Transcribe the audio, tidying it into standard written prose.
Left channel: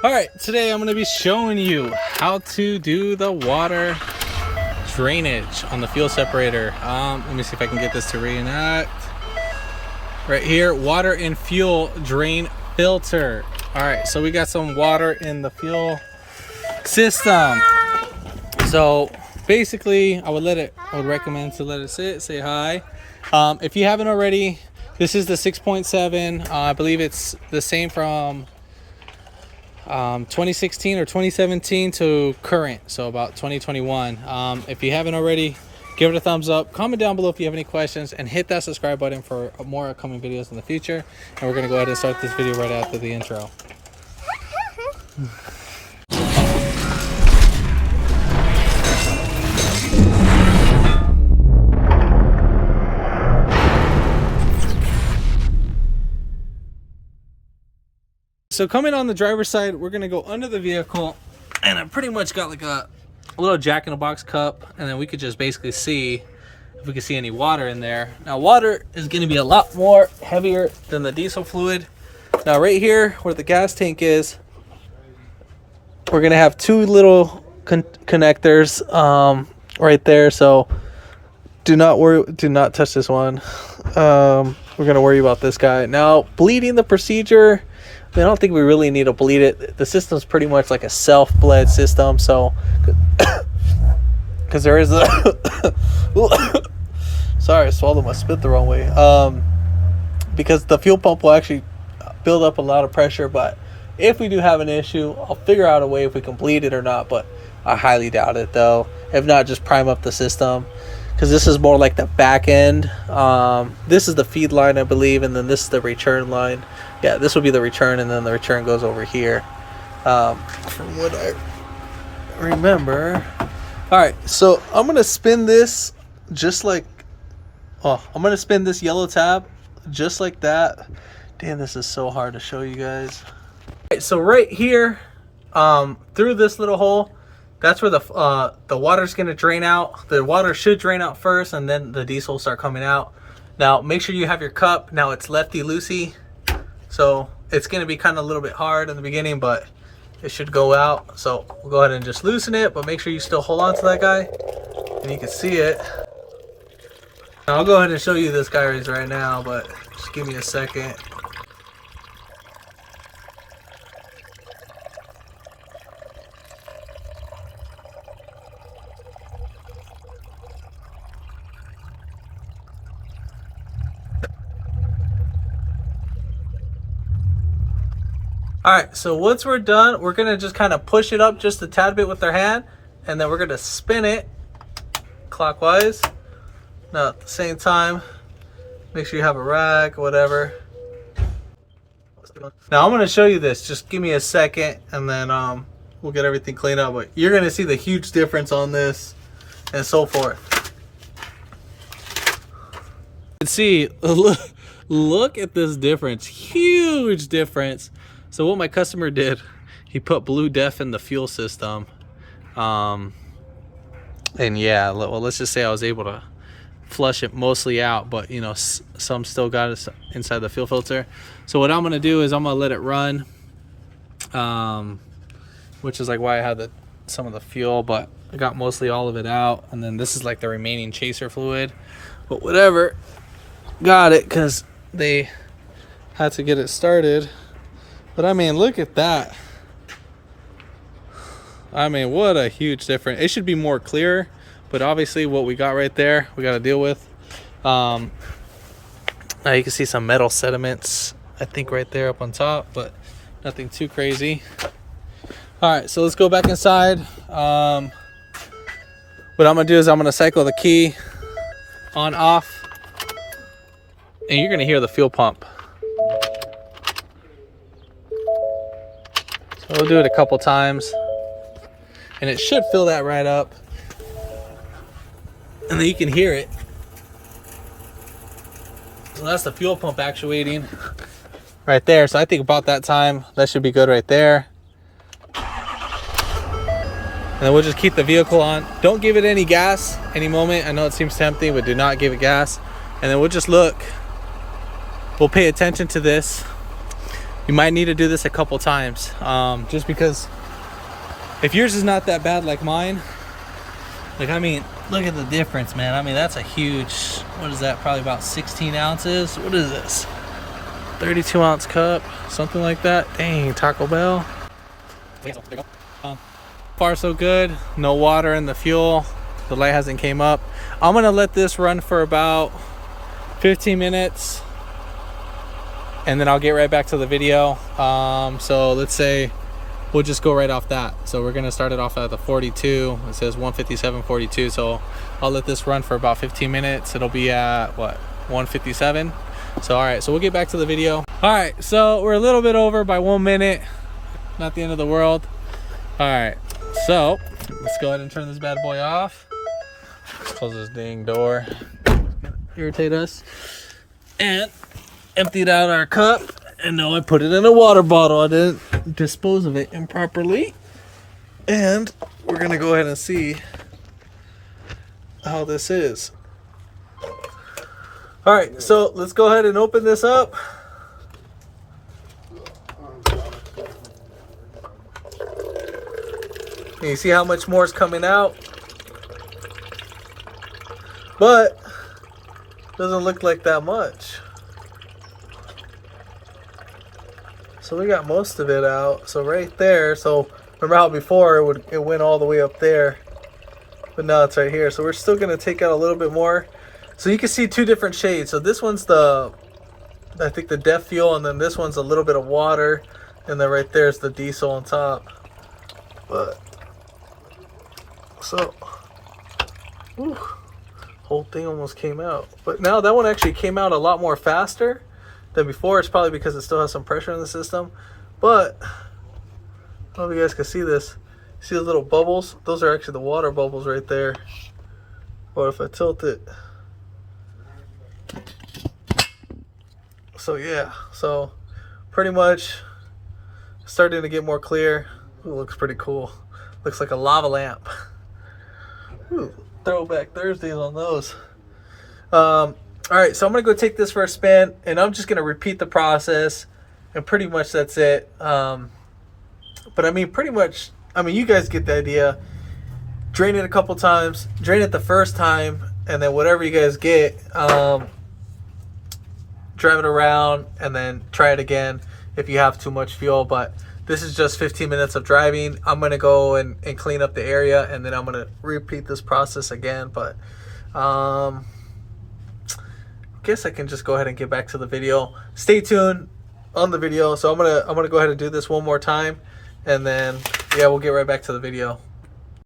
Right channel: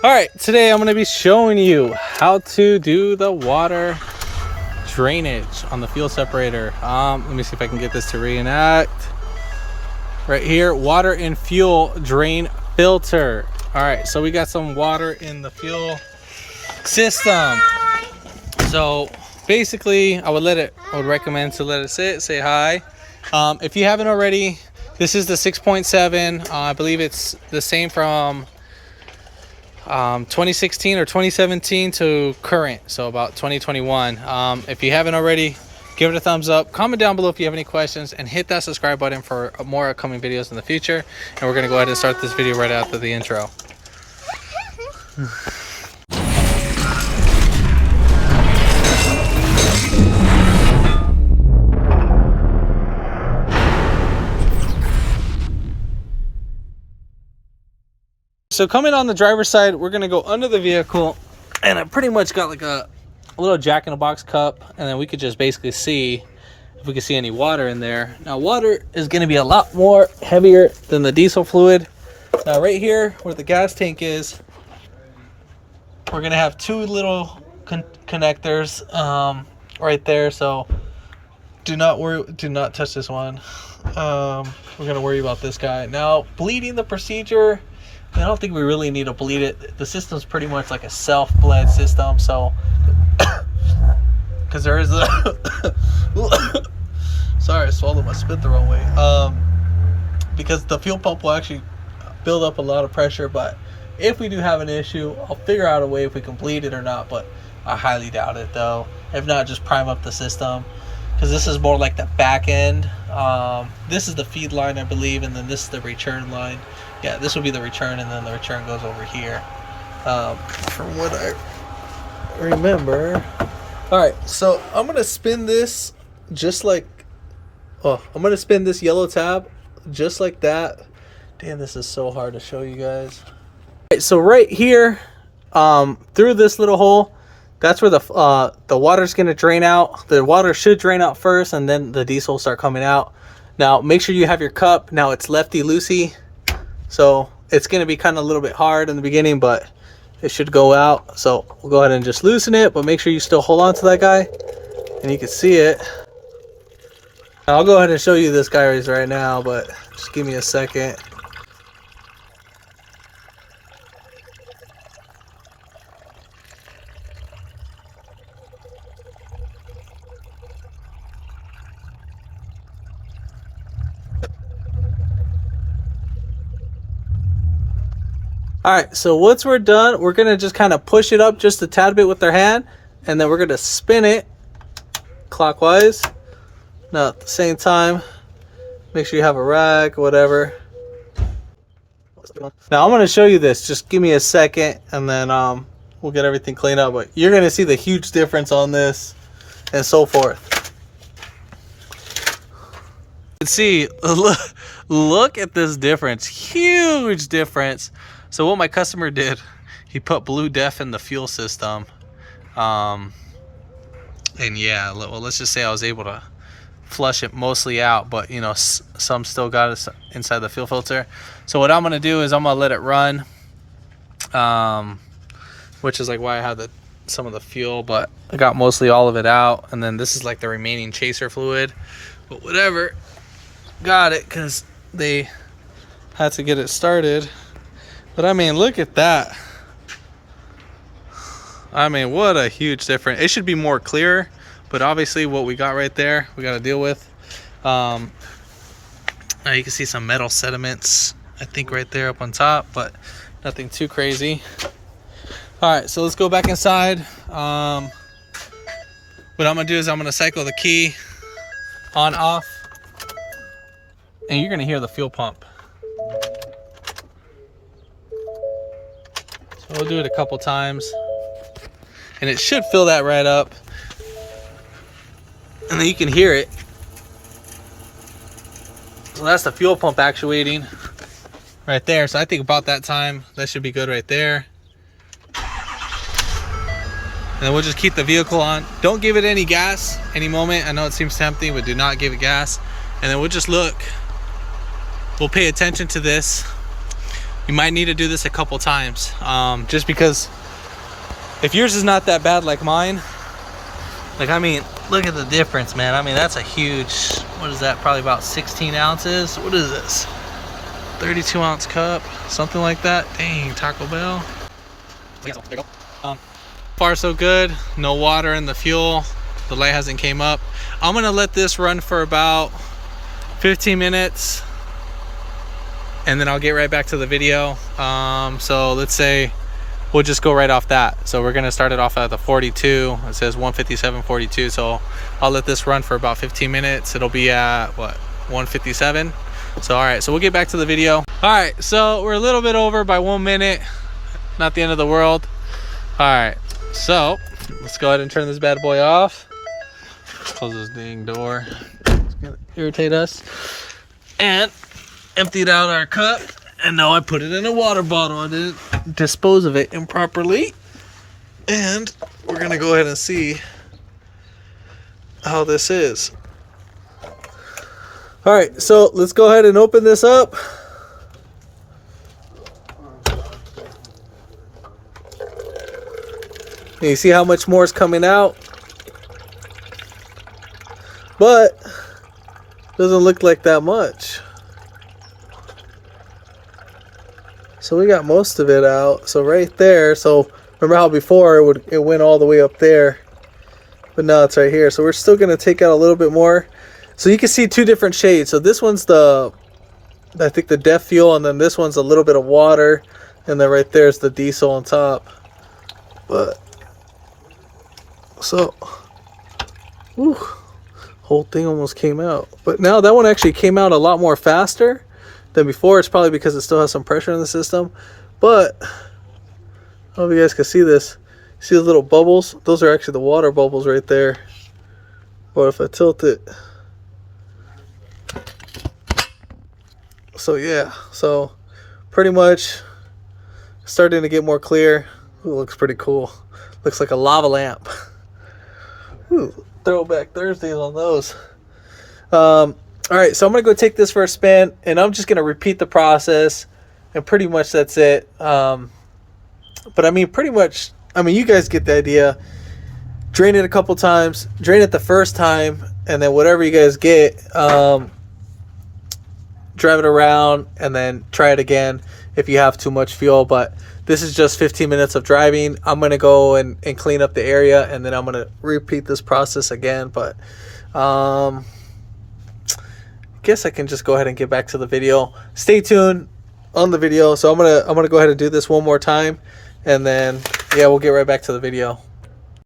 All right, today I'm going to be showing you how to do the water drainage on the fuel separator. Let me see if I can get this to reenact. Right here, water and fuel drain filter. All right, so we got some water in the fuel system. So basically, I would recommend to let it sit, say hi. If you haven't already, this is the 6.7. I believe it's the same from 2016 or 2017 to current, so about 2021. If you haven't already, give it a thumbs up, comment down below if you have any questions, and hit that subscribe button for more upcoming videos in the future. And we're going to go ahead and start this video right after the intro. So coming on the driver's side, we're going to go under the vehicle, and I pretty much got like a little jack-in-the-box cup, and then we could just basically see if we can see any water in there. Now water is going to be a lot more heavier than the diesel fluid. Now right here where the gas tank is, we're going to have two little connectors right there, so do not worry, do not touch this one. We're going to worry about this guy. Now bleeding the procedure, I don't think we really need to bleed it. The system's pretty much like a self-bled system, so because there is a sorry, I swallowed my spit the wrong way. Because the fuel pump will actually build up a lot of pressure, but if we do have an issue, I'll figure out a way if we can bleed it or not, but I highly doubt it though. If not, just prime up the system, because this is more like the back end. This is the feed line, I believe, and then this is the return line. Yeah, this would be the return, and then the return goes over here, from what I remember. All right, so I'm gonna spin this just like, I'm gonna spin this yellow tab just like that. Damn, this is so hard to show you guys. All right, so right here, through this little hole, that's where the water's gonna drain out. The water should drain out first, and then the diesel will start coming out. Now, make sure you have your cup. Now it's lefty-loosey, so it's gonna be kind of a little bit hard in the beginning, but it should go out. So we'll go ahead and just loosen it, but make sure you still hold on to that guy, and you can see it. I'll go ahead and show you this guy right now, but just give me a second. All right, so once we're done, we're gonna just kind of push it up just a tad bit with our hand, and then we're gonna spin it clockwise. Now at the same time, make sure you have a rag, whatever. Now I'm gonna show you this, just give me a second, and then we'll get everything cleaned up, but you're gonna see the huge difference on this and so forth. You can see, look at this difference, huge difference. So what my customer did, he put Blue Def in the fuel system, and yeah, well, let's just say I was able to flush it mostly out, but you know, some still got it inside the fuel filter. So what I'm gonna do is I'm gonna let it run, which is like why I had some of the fuel, but I got mostly all of it out, and then this is like the remaining chaser fluid, but whatever, got it because they had to get it started. But I mean, look at that. I mean, what a huge difference. It should be more clear, but obviously what we got right there, we got to deal with. Now you can see some metal sediments, I think right there up on top, but nothing too crazy. All right, so let's go back inside. What I'm gonna do is I'm gonna cycle the key on, off, and you're gonna hear the fuel pump. We'll do it a couple times, and it should fill that right up, and then you can hear it. Well, that's the fuel pump actuating right there. So I think about that time, that should be good right there. And then we'll just keep the vehicle on. Don't give it any gas any moment. I know it seems tempting, but do not give it gas. And then we'll just look. We'll pay attention to this. You might need to do this a couple times, just because if yours is not that bad like mine, like, I mean, look at the difference, man. I mean, that's a huge, what is that, probably about 16 ounces. What is this, 32 ounce cup, something like that? Dang, Taco Bell. Far so good. No water in the fuel, the light hasn't came up. I'm gonna let this run for about 15 minutes and then I'll get right back to the video. So let's say we'll just go right off that. So we're gonna start it off at the 42. It says 157.42. So I'll let this run for about 15 minutes. It'll be at what, 157. So all right, so we'll get back to the video. All right, so we're a little bit over by 1 minute. Not the end of the world. All right, so let's go ahead and turn this bad boy off. Close this dang door. It's gonna irritate us. And emptied out our cup. And now I put it in a water bottle. I didn't dispose of it improperly. And we're gonna go ahead and see how this is. All right, so let's go ahead and open this up. And you see how much more is coming out, but doesn't look like that much. So we got most of it out. So right there. So remember how before it went all the way up there, but now it's right here. So we're still gonna take out a little bit more. So you can see two different shades. So this one's I think the DEF fuel, and then this one's a little bit of water, and then right there's the diesel on top. But so, whew, whole thing almost came out. But now that one actually came out a lot more faster than before. It's probably because it still has some pressure in the system. But I don't know if you guys can see this. See the little bubbles? Those are actually the water bubbles right there. But if I tilt it, so yeah, so pretty much starting to get more clear. Ooh, looks pretty cool. Looks like a lava lamp. Ooh, throwback Thursdays on those. All right, so I'm gonna go take this for a spin, and I'm just gonna repeat the process, and pretty much that's it. But I mean, pretty much, I mean, you guys get the idea. Drain it a couple times, drain it the first time, and then whatever you guys get, drive it around, and then try it again if you have too much fuel. But this is just 15 minutes of driving. I'm gonna go and clean up the area, and then I'm gonna repeat this process again. But I guess I can just go ahead and get back to the video. Stay tuned on the video. So I'm gonna go ahead and do this one more time, and then yeah, we'll get right back to the video.